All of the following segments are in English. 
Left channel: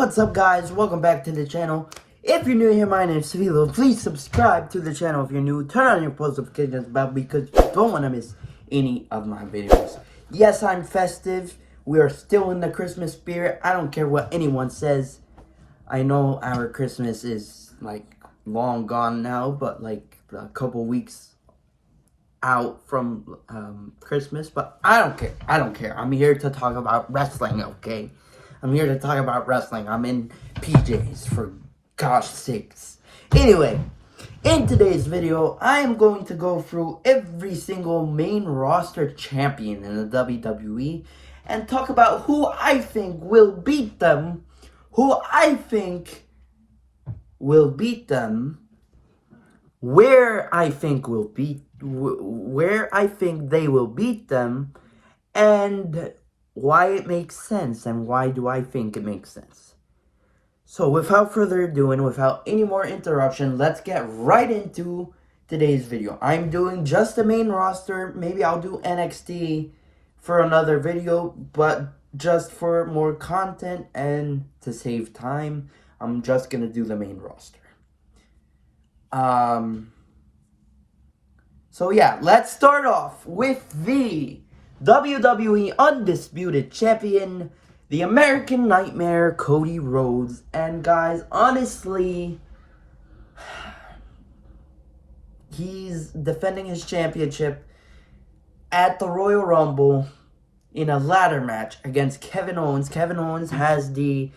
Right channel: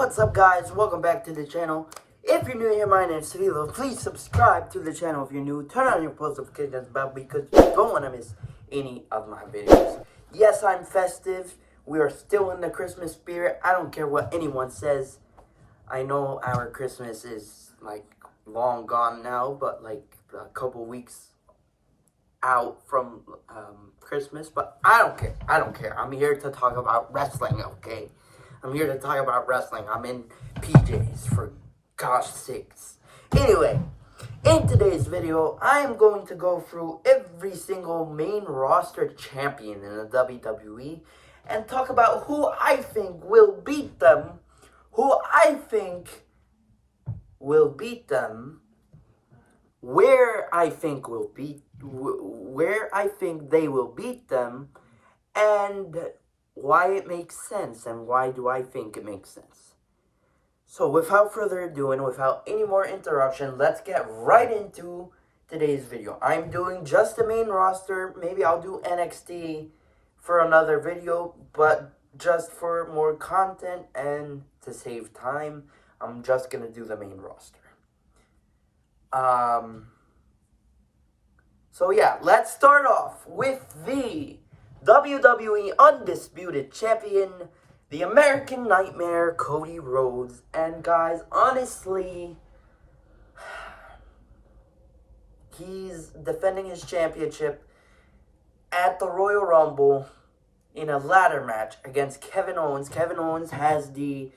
What's up, guys? Welcome back to the channel. If you're new here, my name is Savilo. Please subscribe to the channel if you're new. Turn on your post notifications bell because you don't want to miss any of my videos. Yes, I'm festive. We are still in the Christmas spirit. I don't care what anyone says. I know our Christmas is like long gone now, but like a couple weeks out from Christmas, but I don't care. I'm here to talk about wrestling, okay? I'm here to talk about wrestling. I'm in PJs, for gosh sakes. Anyway, in today's video, I am going to go through every single main roster champion in the WWE and talk about who I think will beat them, where I think they will beat them, and why it makes sense, and why do I think it makes sense. So without further ado and without any more interruption, let's get right into today's video. I'm doing just the main roster. Maybe I'll do NXT for another video, but just for more content and to save time, I'm just gonna do the main roster. So yeah, let's start off with the WWE Undisputed Champion, the American Nightmare, Cody Rhodes. And guys, honestly, he's defending his championship at the Royal Rumble in a ladder match against Kevin Owens. Kevin Owens has the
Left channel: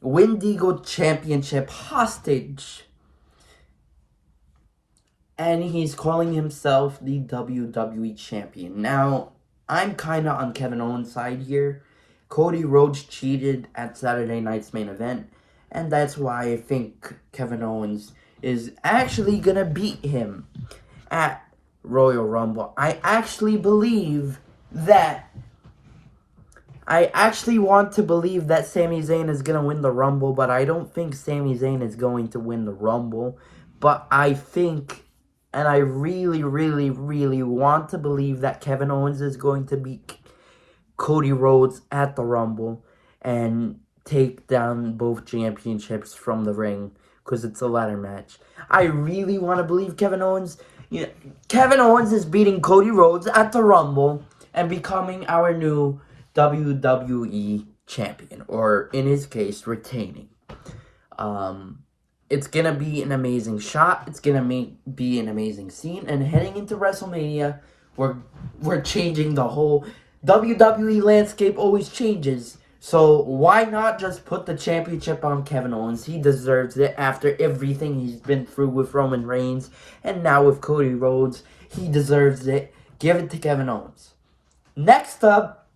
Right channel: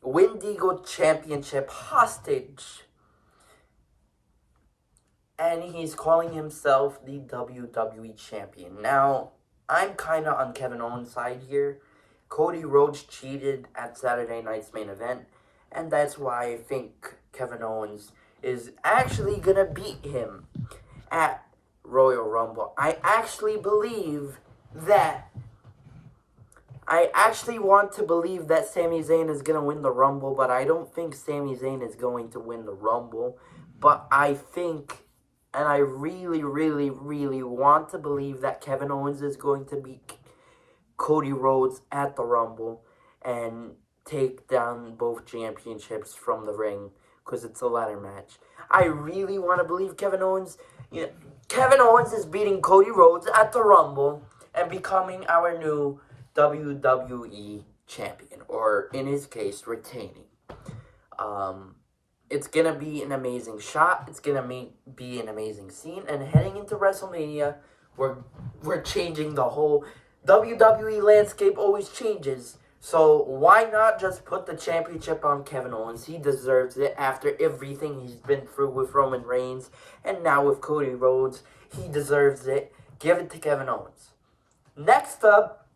Wendigo Championship hostage, and he's calling himself the WWE Champion. Now, I'm kind of on Kevin Owens' side here. Cody Rhodes cheated at Saturday night's main event, and that's why I think Kevin Owens is actually going to beat him at Royal Rumble. I actually want to believe that Sami Zayn is going to win the Rumble, but I don't think Sami Zayn is going to win the Rumble. But I think, and I really, really, really want to believe that Kevin Owens is going to beat Cody Rhodes at the Rumble and take down both championships from the ring, because it's a ladder match. I really want to believe Kevin Owens. Kevin Owens is beating Cody Rhodes at the Rumble and becoming our new WWE champion, or in his case, retaining. It's going to be an amazing shot. It's going to be an amazing scene. And heading into WrestleMania, we're changing the whole WWE landscape. Always changes. So why not just put the championship on Kevin Owens? He deserves it after everything he's been through with Roman Reigns. And now with Cody Rhodes, he deserves it. Give it to Kevin Owens. Next up,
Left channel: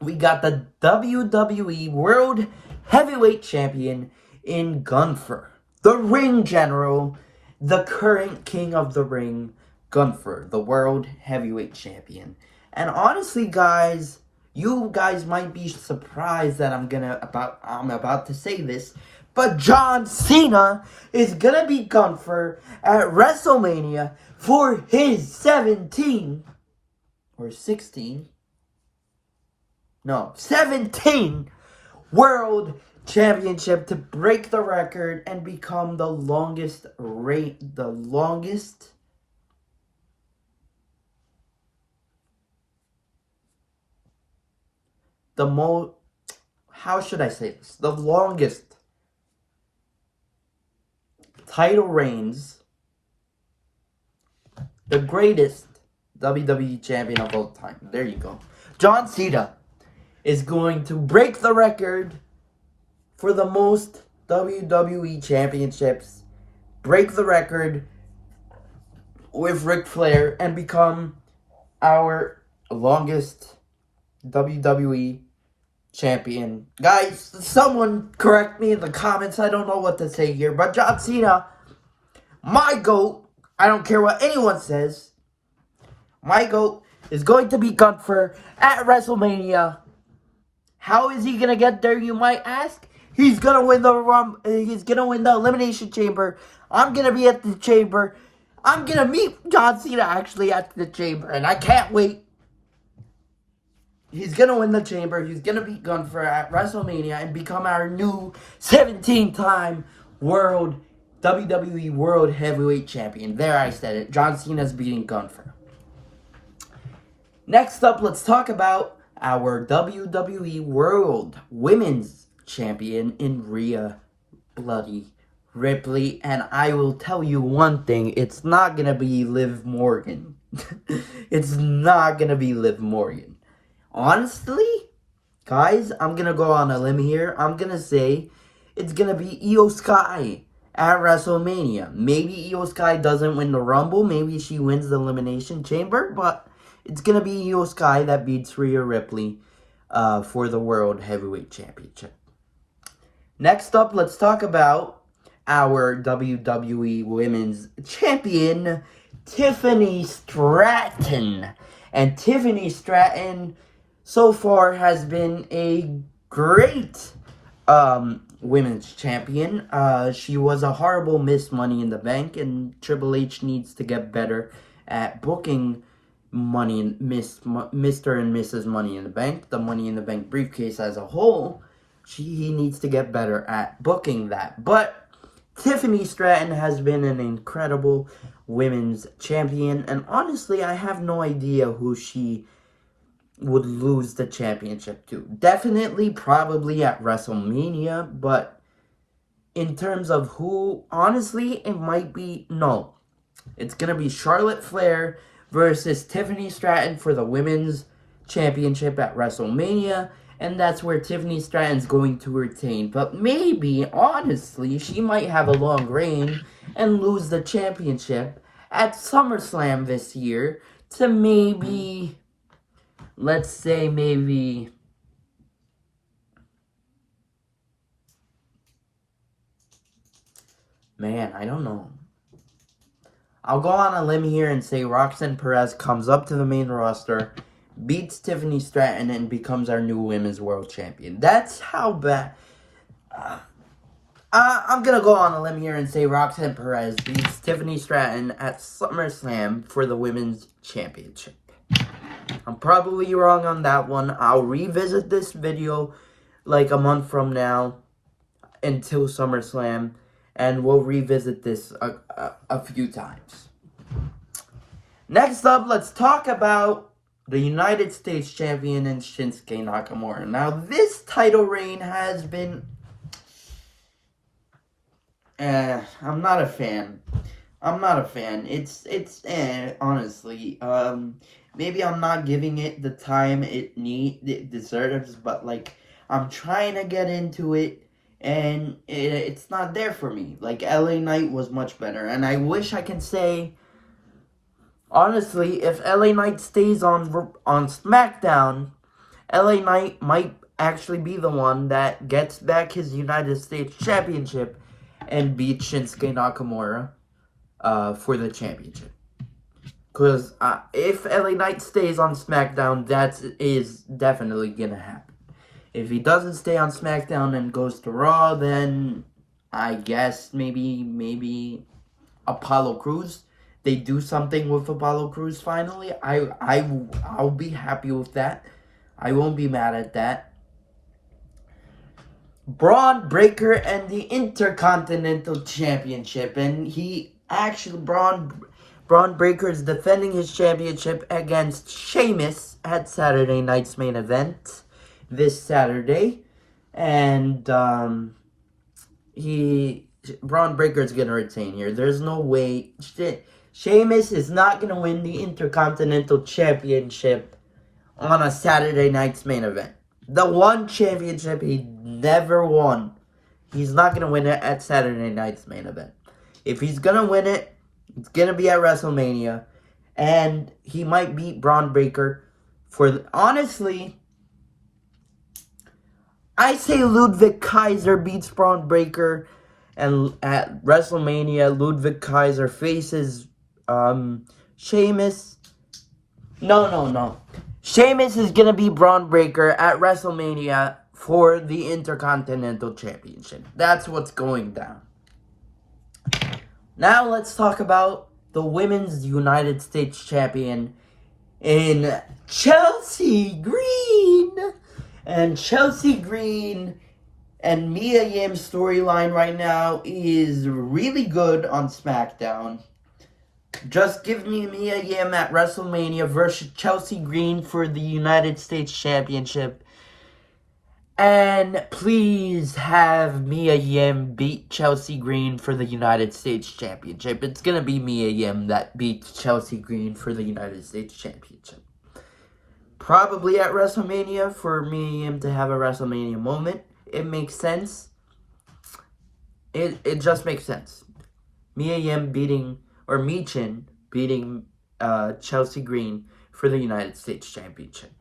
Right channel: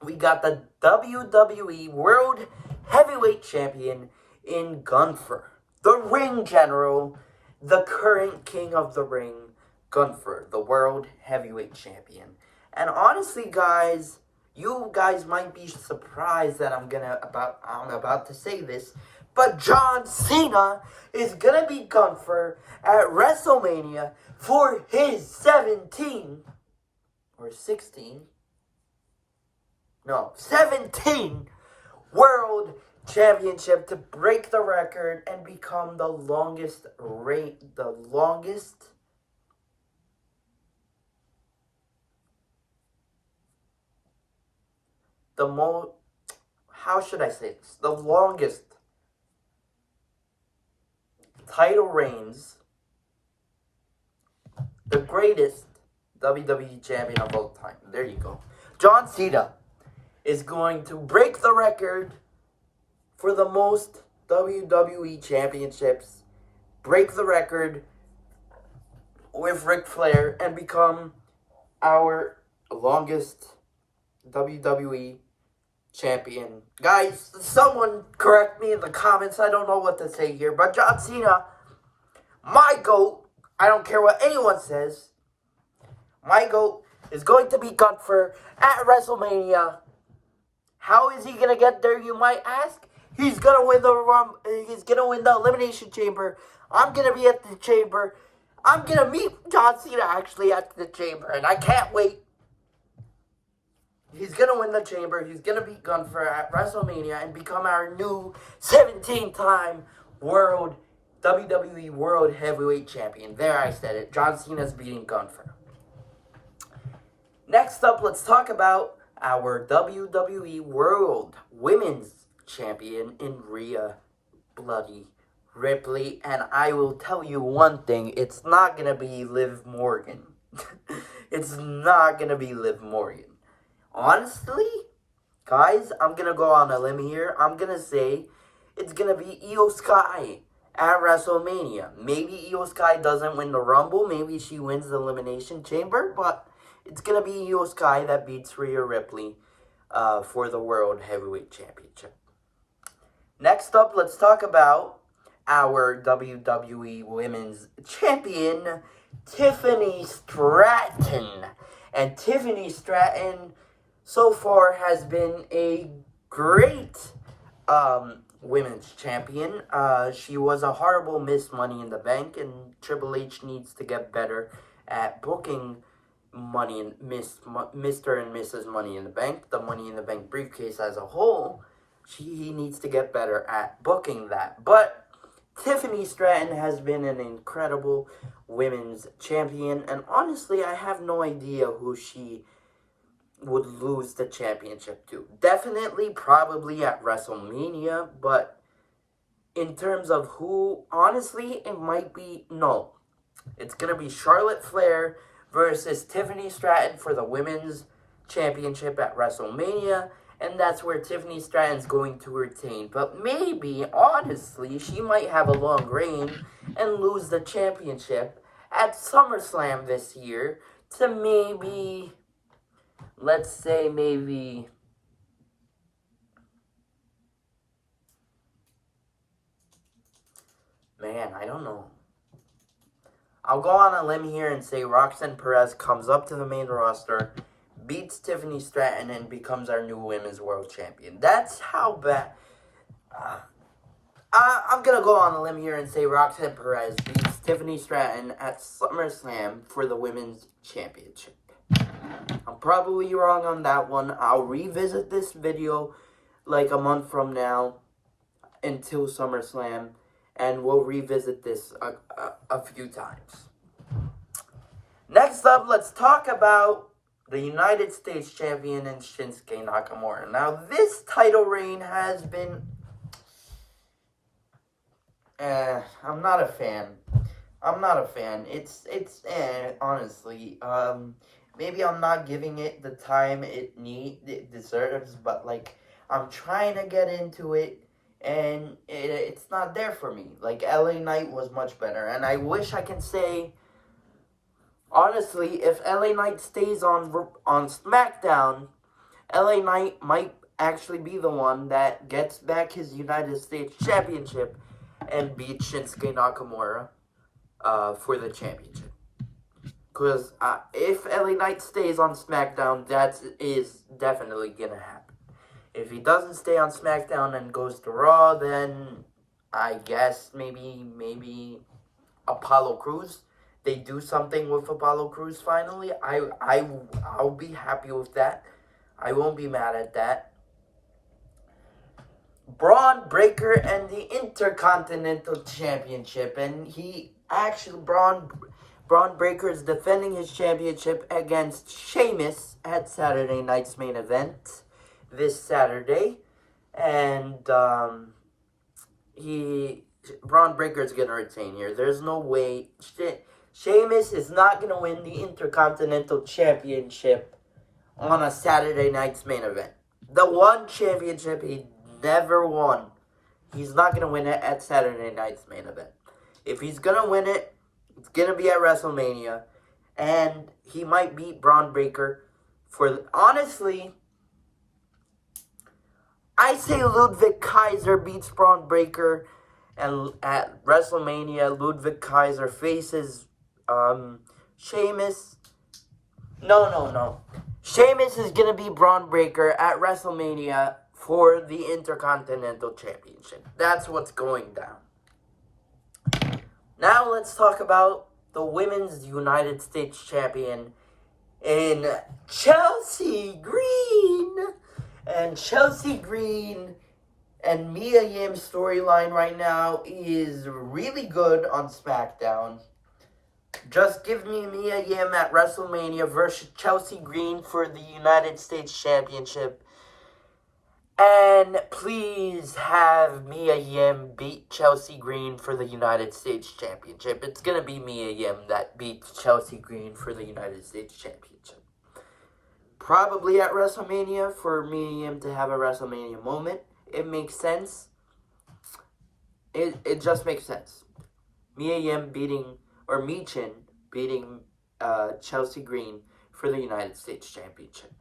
we got the WWE World Heavyweight Champion in Gunther. The Ring General, the current King of the Ring, Gunther, the World Heavyweight Champion. And honestly, guys, you guys might be surprised that I'm about to say this, but John Cena is gonna beat Gunther at WrestleMania for his 17 World Championship, to break the record and become the longest, how should I say this? The longest title reigns, the greatest WWE champion of all time. There you go. John Cena is going to break the record for the most WWE championships, break the record with Ric Flair, and become our longest WWE champion. Guys, someone correct me in the comments. I don't know what to say here, but John Cena, my GOAT, I don't care what anyone says, my GOAT is going to beat Gunther at WrestleMania. How is he going to get there, you might ask? He's gonna win the Elimination Chamber. I'm gonna be at the Chamber. I'm gonna meet John Cena actually at the Chamber, and I can't wait. He's gonna win the chamber. He's gonna beat Gunther at WrestleMania and become our new 17-time world WWE World Heavyweight Champion. There, I said it. John Cena's beating Gunther. Next up, let's talk about our WWE World Women's Champion in Rhea Bloody Ripley. And I will tell you one thing, it's not gonna be Liv Morgan. It's not gonna be Liv Morgan. Honestly, guys, I'm gonna go on a limb here. I'm gonna say it's gonna be Io Sky at WrestleMania. Maybe Io Sky doesn't win the Rumble. Maybe she wins the Elimination Chamber. But it's gonna be Io Sky that beats Rhea Ripley for the World Heavyweight Championship. Next up, let's talk about our WWE Women's Champion, Tiffany Stratton. And Tiffany Stratton so far has been a great women's champion. She was a horrible Miss Money in the Bank, and Triple H needs to get better at booking Mr. and Mrs. Money in the Bank, the Money in the Bank briefcase as a whole. He needs to get better at booking that. But Tiffany Stratton has been an incredible women's champion, and honestly, I have no idea who she would lose the championship to. Definitely, probably at WrestleMania, but in terms of who, honestly, it might be, no. It's going to be Charlotte Flair versus Tiffany Stratton for the women's championship at WrestleMania, and that's where Tiffany Stratton's going to retain. But maybe, honestly, she might have a long reign and lose the championship at SummerSlam this year to maybe, let's say maybe, man, I don't know. I'll go on a limb here and say Roxanne Perez comes up to the main roster, beats Tiffany Stratton, and becomes our new Women's World Champion. That's how bad. I'm going to go on a limb here and say Roxanne Perez beats Tiffany Stratton at SummerSlam for the Women's Championship. I'm probably wrong on that one. I'll revisit this video like a month from now until SummerSlam, and we'll revisit this a few times. Next up, let's talk about the United States Champion and Shinsuke Nakamura. Now, this title reign has been... I'm not a fan. It's honestly. Maybe I'm not giving it the time it deserves, but, like, I'm trying to get into it, and it's not there for me. Like, LA Knight was much better, and I wish I can say... Honestly, if LA Knight stays on SmackDown, LA Knight might actually be the one that gets back his United States Championship and beats Shinsuke Nakamura for the championship. Because if LA Knight stays on SmackDown, that is definitely going to happen. If he doesn't stay on SmackDown and goes to Raw, then I guess maybe Apollo Crews. They do something with Apollo Crews finally. I'll be happy with that. I won't be mad at that. Braun Breaker and the Intercontinental Championship, and he actually Braun Breaker is defending his championship against Sheamus at Saturday night's main event this Saturday, and Braun Breaker is gonna retain here. There's no way. Sheamus is not going to win the Intercontinental Championship on a Saturday night's main event. The one championship he never won. He's not going to win it at Saturday night's main event. If he's going to win it, it's going to be at WrestleMania. And he might beat Braun Breaker for... Honestly, I say Ludwig Kaiser beats Braun Breaker. And at WrestleMania, Ludwig Kaiser faces... Sheamus. No. Sheamus is going to be Braun Breaker at WrestleMania for the Intercontinental Championship. That's what's going down. Now let's talk about the Women's United States Champion, in Chelsea Green. And Chelsea Green and Mia Yim's storyline right now is really good on SmackDown. Just give me Mia Yim at WrestleMania versus Chelsea Green for the United States Championship. And please have Mia Yim beat Chelsea Green for the United States Championship. It's going to be Mia Yim that beats Chelsea Green for the United States Championship. Probably at WrestleMania for Mia Yim to have a WrestleMania moment. It makes sense. It just makes sense. Mia Yim beating, or Michin beating Chelsea Green for the United States Championship.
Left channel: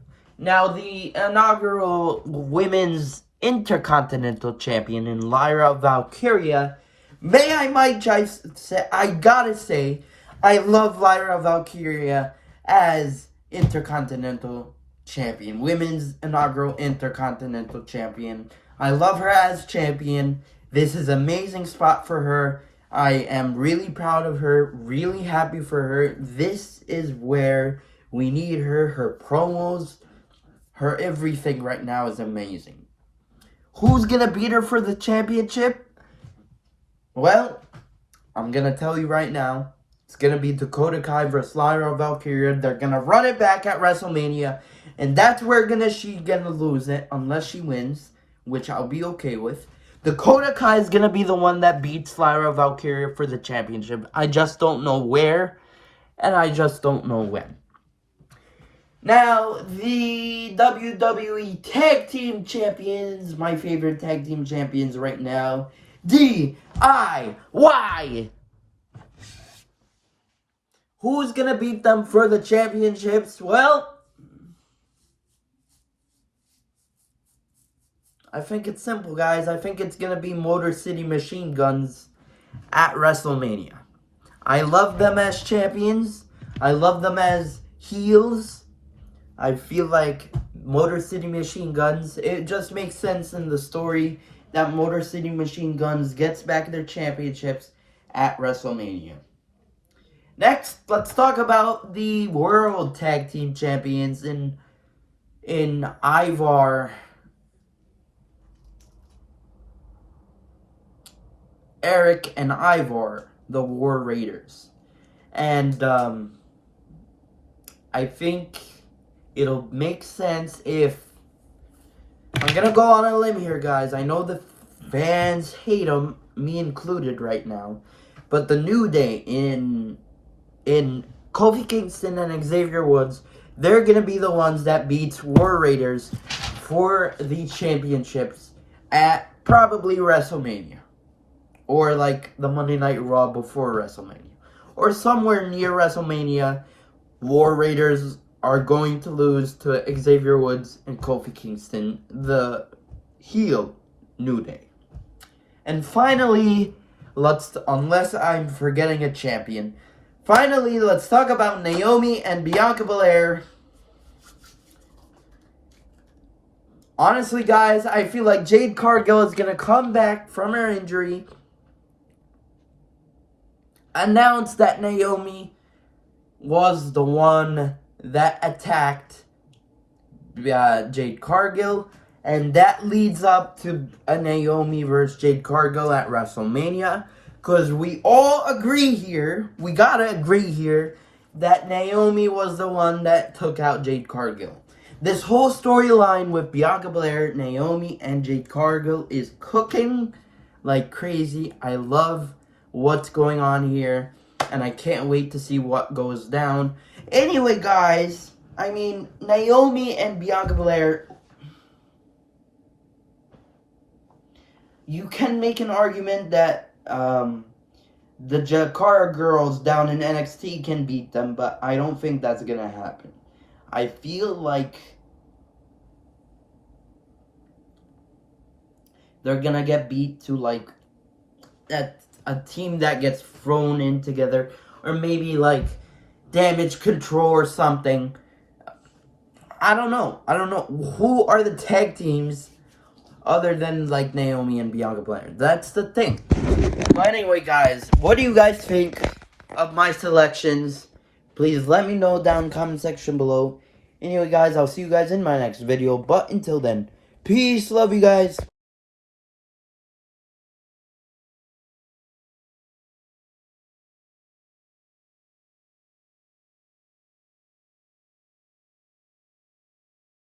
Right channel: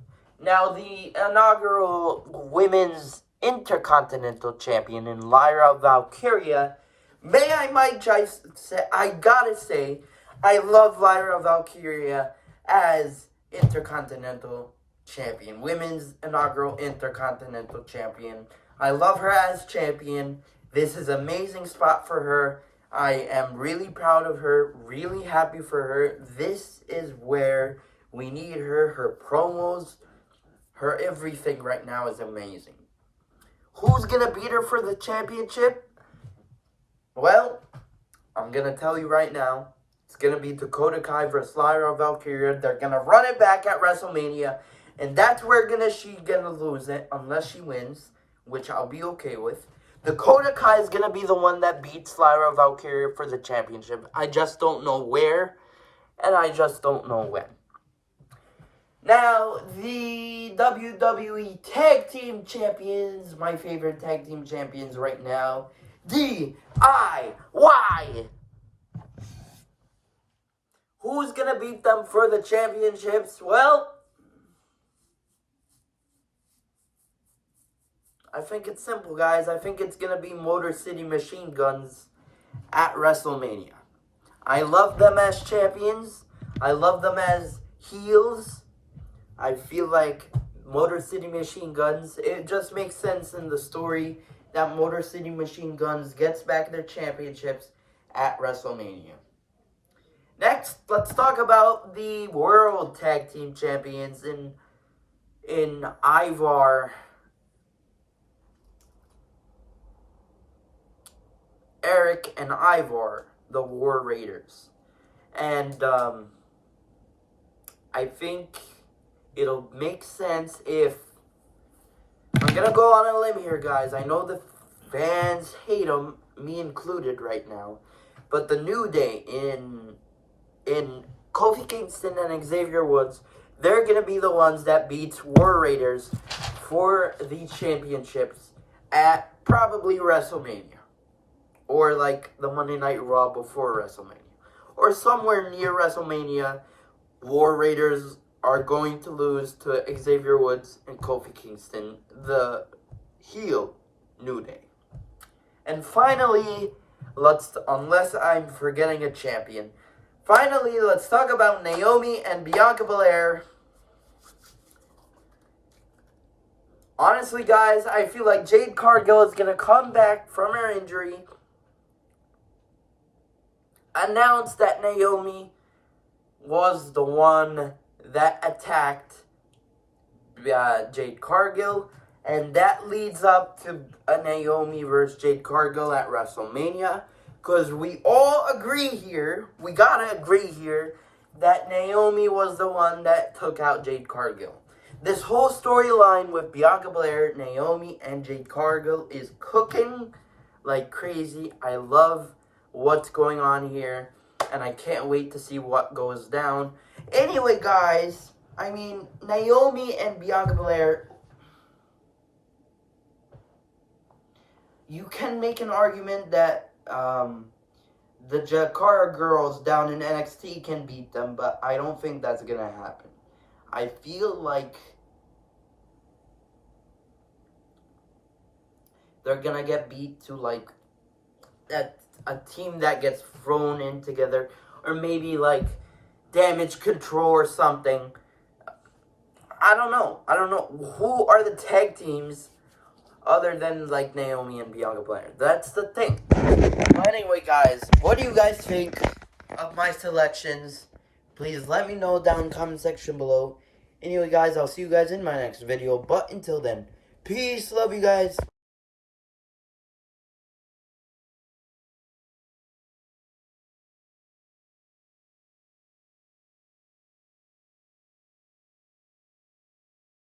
Now, the inaugural Women's Intercontinental Champion in Lyra Valkyria, I gotta say, I love Lyra Valkyria as Intercontinental Champion. Women's inaugural Intercontinental Champion. I love her as champion. This is an amazing spot for her. I am really proud of her, really happy for her. This is where we need her. Her promos, her everything right now is amazing. Who's going to beat her for the championship? Well, I'm going to tell you right now. It's going to be Dakota Kai versus Lyra Valkyria. They're going to run it back at WrestleMania. And that's where she's going to lose it unless she wins, which I'll be okay with. Dakota Kai is going to be the one that beats Lyra Valkyria for the championship. I just don't know where, and I just don't know when. Now, the WWE Tag Team Champions, my favorite Tag Team Champions right now, DIY. Who's going to beat them for the championships? Well, I think it's simple, guys. I think it's going to be Motor City Machine Guns at WrestleMania. I love them as champions. I love them as heels. I feel like Motor City Machine Guns, it just makes sense in the story that Motor City Machine Guns gets back their championships at WrestleMania. Next, let's talk about the World Tag Team Champions in Ivar, Eric and Ivar, the War Raiders. And I think it'll make sense if... I'm going to go on a limb here, guys. I know the fans hate them, me included right now. But the New Day in Kofi Kingston and Xavier Woods, they're going to be the ones that beats War Raiders for the championships at probably WrestleMania. Or like the Monday Night Raw before WrestleMania. Or somewhere near WrestleMania, War Raiders are going to lose to Xavier Woods and Kofi Kingston, the heel New Day. And finally, unless I'm forgetting a champion, finally, let's talk about Naomi and Bianca Belair. Honestly, guys, I feel like Jade Cargill is going to come back from her injury, announce that Naomi was the one that attacked Jade Cargill, and that leads up to a Naomi versus Jade Cargill at WrestleMania, because we all agree here, we gotta agree here, that Naomi was the one that took out Jade Cargill. This whole storyline with Bianca Belair, Naomi, and Jade Cargill is cooking like crazy. I love what's going on here, and I can't wait to see what goes down. Anyway, guys, I mean, Naomi and Bianca Belair, you can make an argument that the Jakara girls down in NXT can beat them, but I don't think that's going to happen. I feel like they're going to get beat to, like, a team that gets thrown in together, or maybe, like, Damage Control or something. I don't know. Who are the tag teams other than, like, Naomi and Bianca Belair? That's the thing. But anyway, guys, what do you guys think of my selections? Please let me know down in the comment section below. Anyway, guys, I'll see you guys in my next video. But until then, peace. Love you guys.